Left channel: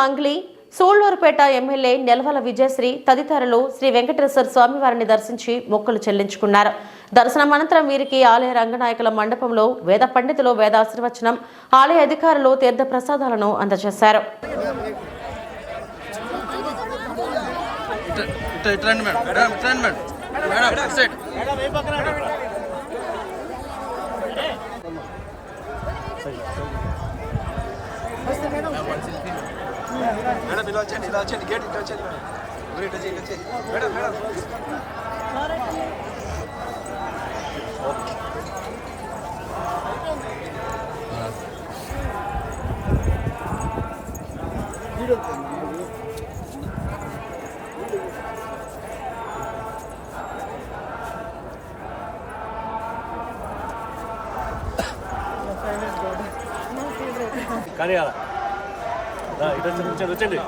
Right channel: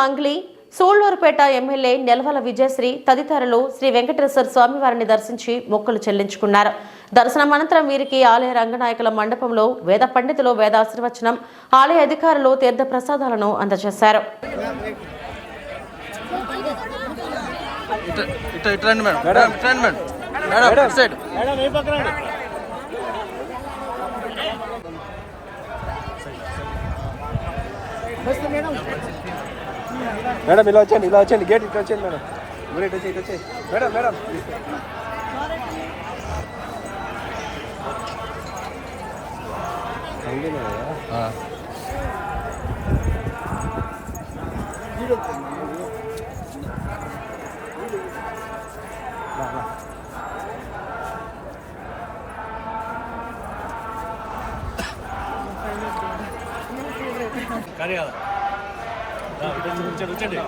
Mangli, Sullurpeta MLA Nelavala Vijayasri తదితరులు శ్రీ వెంకటేశ్వర స్వామివారిని దర్శించి మొక్కులు చెల్లించుకున్నారు. దర్శనం అనంతరం వీరికి ఆలయ రంగనాయకుల మండపంలో వేద పండితులు వేదాశీర్వచనం, ఆలయ అధికారులు తీర్థ ప్రసాదాలను అందజేశారు. మేడం ఇలా వచ్చండి గేట్ ఇట్లా వచ్చండి మేడం మేడం కానీ వచ్చండి.